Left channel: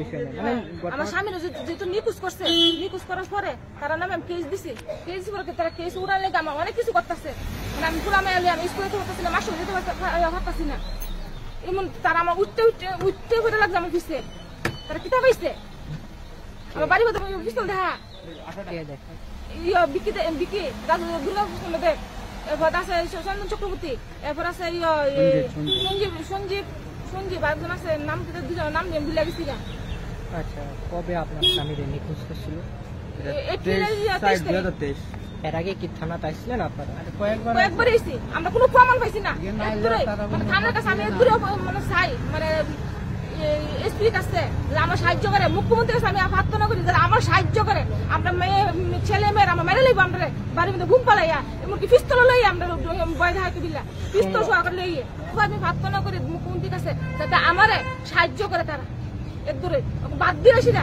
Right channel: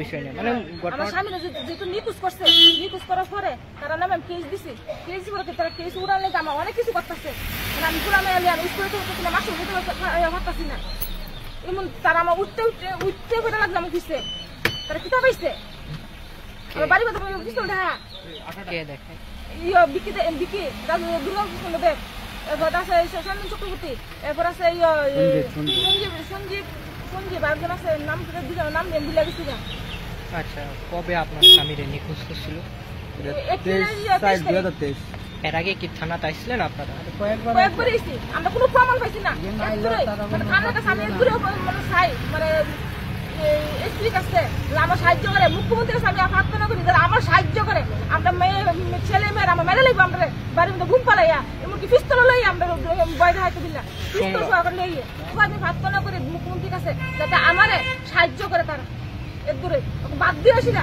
বিষয় না মানে আমার স্বামী যেহেতু নিখোঁজ করছে, নিখোঁজ করার পরে তারা নামে কেস দিছি, কেস বলতে তারা কেস উড়ালে আমার অনেক কিছু করতেছে। মানে আমি পুরানো এলি আমি স্কুলে করতেছি না, মাসে যেতে করতেছি না, এমন তারা আমার উঠতে উঠতে উঠতে উঠে লাগছে আমার পিছিয়ে। তারা কিতা পাইছে আমার বাড়ি কথা পিস্তল দেখা দেখায় বিকি বিকি দুর্গা দেব, এরপর আছে সঞ্জীব চক্রবর্তী, এরপর আছে সঞ্জীব সঞ্জীব একজন আছে নাম নাম দিলে গেছি। আচ্ছা, কবে আপনার স্বামীর নিখোঁজ করছিল? এর আগে কি থানাতে আসছিলেন আপনারা? কয়েকবার এসেছি, আমরা কোনো প্রমাণ পাইছি না। থানার কাছে আমি মানে চাই মানে এসপি কাছে আমার সাহায্য করে, মুখ্যমন্ত্রীর কাছে আমি প্রার্থনা করি আমার সাহায্য করে। আমরা ছেলে মেয়ের আমার মেরে লইব, আমরা বাড়ির মধ্যে ঘুম পালাইয়া এমনকি পিস্তল লই আমরা বয় হাতে দিলাম পিস্তল সহকারে লইয়ে আমি প্রার্থনা করি মুখ্যমন্ত্রীর কাছে যাতে আমারে সাহায্য করে। তারা এর দূরে বাদ দিয়ে আসি না,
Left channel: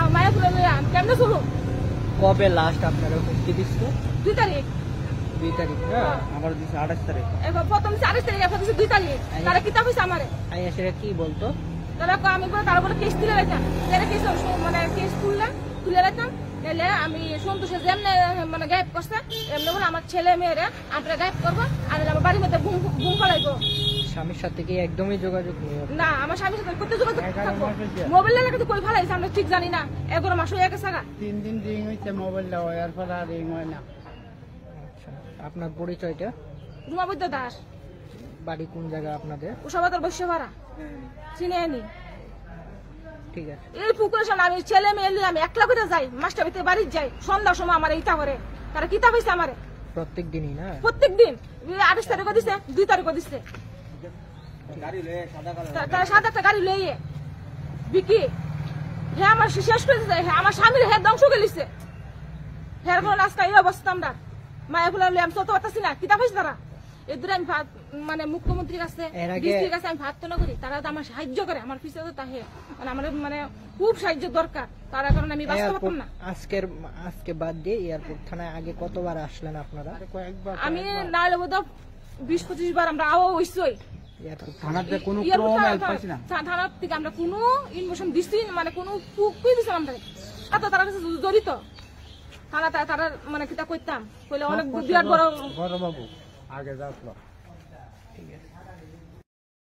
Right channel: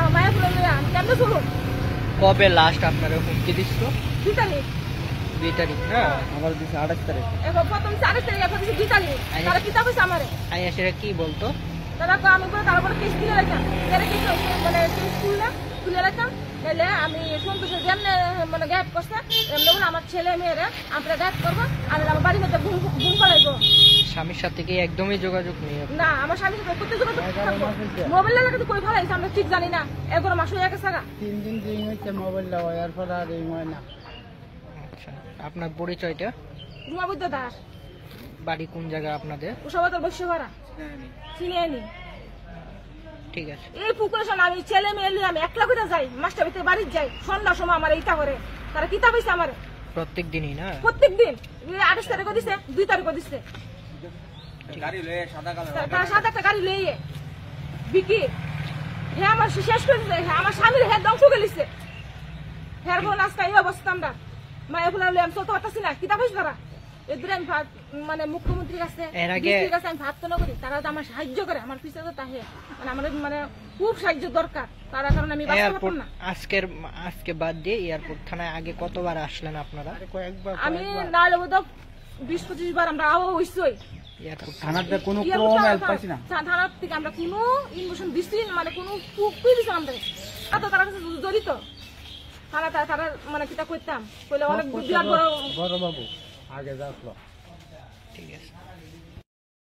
আমার মায়া ফুলে লইয়া আমি কেমনে চলুন। কবে লাস্ট আপনারা হুমকি দিচ্ছিল? 2 তারিখ। 2 তারিখ না, আমার 28 তারিখ। প্রথম 28 তারিখ, এখন 2 তারিখ। তারা কি তবে আমারে সেটা কি বলতো? তারা আমি তারা বলে কেস তুলে রাখতাম, তারা কেস মানে কেস তুলে রাখতাম, তাহলে আমি সন্তোষের জন্য মানে গায়েব করছে এমন বলে আমার ছেলে মেয়েরা আমরা গায়েব করবো, আর আমার বাড়ির মধ্যে ঘুম পড়াইবো। স্বামীর সাথে কি একদমই যোগাযোগ নেই? না, আমার স্বামীর সাথে করতে যোগাযোগ মোবাইল লাগাতে কই ফেলাইছে আমরা ঠিক জানি না। 11 মাস হয়ে গেছে, 3 দিন রিং হইছে মোবাইল দেওয়ার পর আর রিং হয় না। আচ্ছা, আপনার পরিচয়টা? রুমাবুদ্দা দাস। বাড়ি কোন জায়গা আপনাদের? উষাবাতার বসে ভাড়া চিনে নি। ঠিক আছে, এই পুকুরের সামনে আমি ছেলে মেয়ে নিয়ে আমি একলা করে যাই, মাস্টার ভিতরে বাড়ি যাই, সন্ধ্যার সময় আমার এইটা করে। তারা কিতা পাইছে আমারে প্রত্যেক দিনই না? প্রত্যেক দিন 28 তারিখও দিছে, 2 তারিখও দিছে। তারা সাদা একটা গাড়ি লইয়ে বিকি হে আমার শেষ করে দিছে, আমার স্বামীর হে ধ্বংস করে দিছে। হের ফোন আজকে এই অবস্থা আমরা মায়া ফুলা আমি চলতে পারতেছি না। কিতা পাইছে তারা এদের আমি মানে মুখ্যমন্ত্রীর কাছে আমি প্রার্থনা করি তারা আমার সাহায্য করে, আমার পিছনে তাহে মানে আমার মানে খুব সাহায্য দরকার। তার কারণে আমি না আজকে বাদ দিয়ে এয়ারপোর্ট থানায় আগে কতবার আসলেন আপনারা? আমি না হলে বোধ 20-25 বার আমরা আওয়া হইছই। থানার থেকে কোনো থানার থেকে আমরা কোনো ইনফরমেশন দিছি মানে কোনো দিছিলাম আমরা এত তারা কাছে জড়িত থানা তারা মানে কিতা করতাম কইলে অনেক বিরাট বড় বাবু আগে যাচ্ছিল। ঠিক আছে।